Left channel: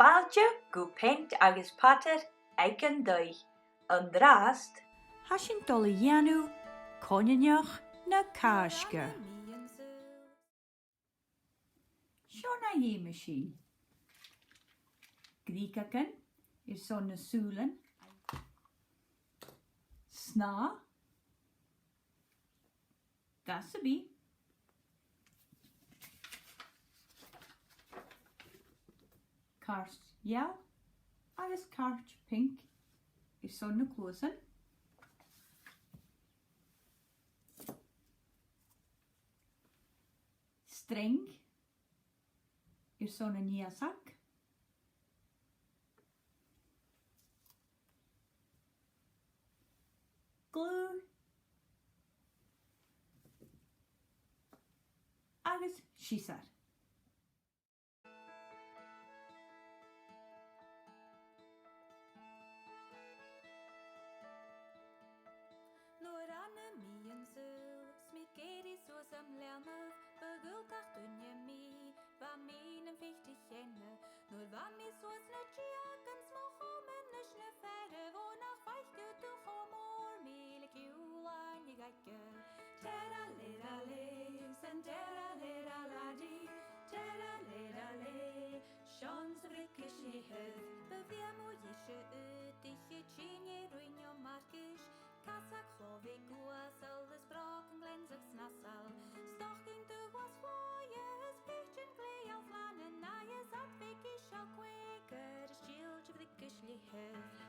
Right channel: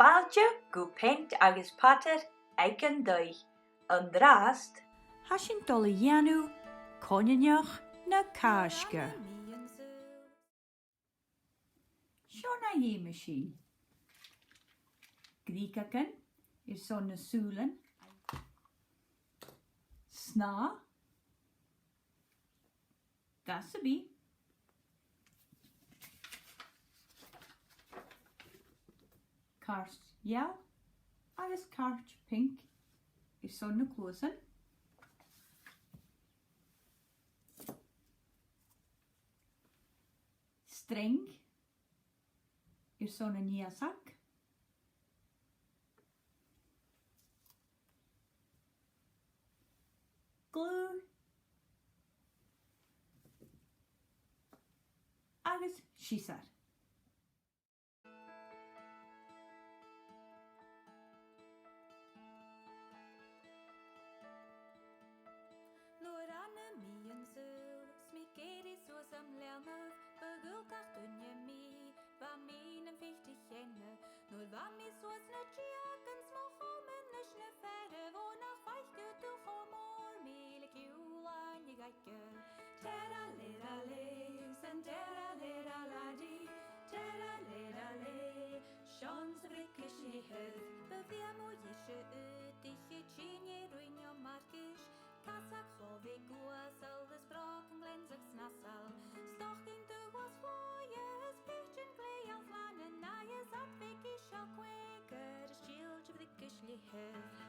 Fáilte go peint agus patar ag an dóigh. An drást, Hasin dul a dhéanú coineach na cáisce. Seo na dhéime sin. Grícacan son na súlan. Sná. Gasabí. Cart jou agus cart pink son na closan. String son na níasac. Glue agus sísar. Nuair anna míon súl, smí géirí suas am leanmh, bagulcach dunne mí, bha mín an fichte chenne. Nuair bha mí suas na tíach an smó chomen is na ferre, bó nach feichte tú chomór míle ciúlain i gaice. Tera lera le, san tera lera ladi, tera lera le, Sean sa vrickis i hydd, befiem o ysio ydiche tîne rwynio margis, Casac chlofi gwasal, ys broc yn glensach snasal. Stochyn dy was fwyas, pichin glei al flan yn naias at fig isio gweger, ysgil dy frig ysli hydd.